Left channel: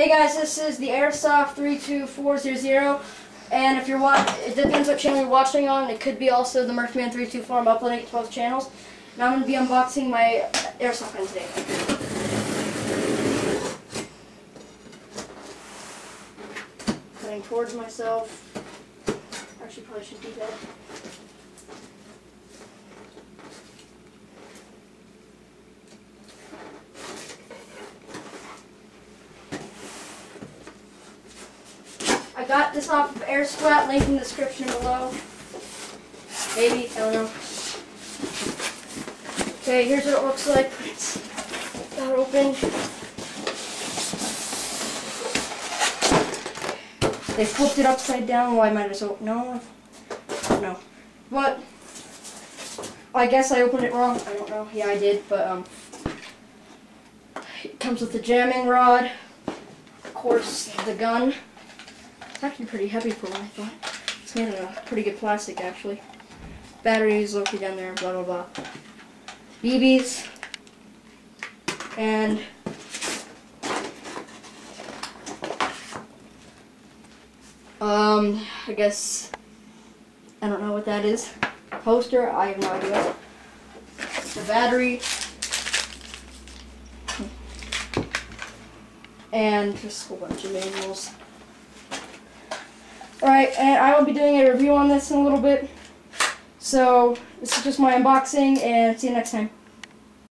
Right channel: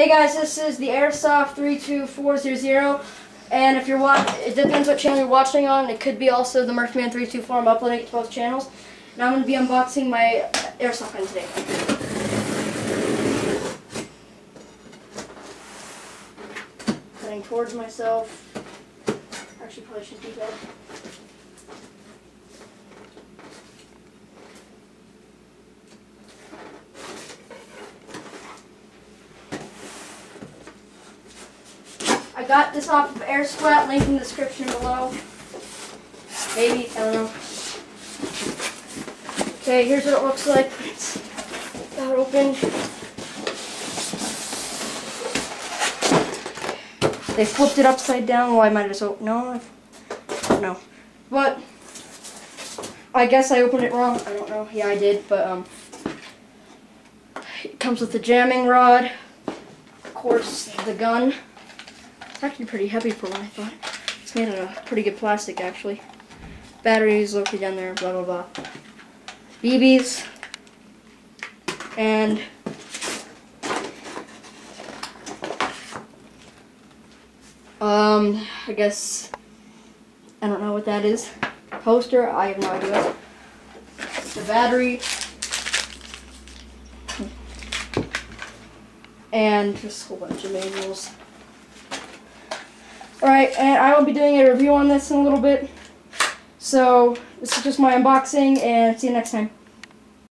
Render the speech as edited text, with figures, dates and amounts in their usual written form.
Hey guys, this is the Airsoft 32400, and if you're it depends what channel you're watching on. It could be also the Murphman 324. I'm uploading it to both channels. And I'm going to be unboxing my Airsoft gun today. Heading towards myself. Actually, probably should do that. I got this off of Airsoft, link in the description below. Maybe, I don't know. Okay, here's what it looks like. It's not open. They flipped it upside down. Well, I might have just opened. No, I don't know. But I guess I opened it wrong. I don't know. Yeah, I did. But it comes with the jamming rod. Of course, the gun. It's actually pretty heavy for what I thought. It's made of a pretty good plastic, actually. Batteries located down there, blah, blah, blah. BBs. And I guess, I don't know what that is. Poster, I have no idea. The battery. And just a whole bunch of manuals. Alright, and I will be doing a review on this in a little bit. So, this is just my unboxing, and see you next time.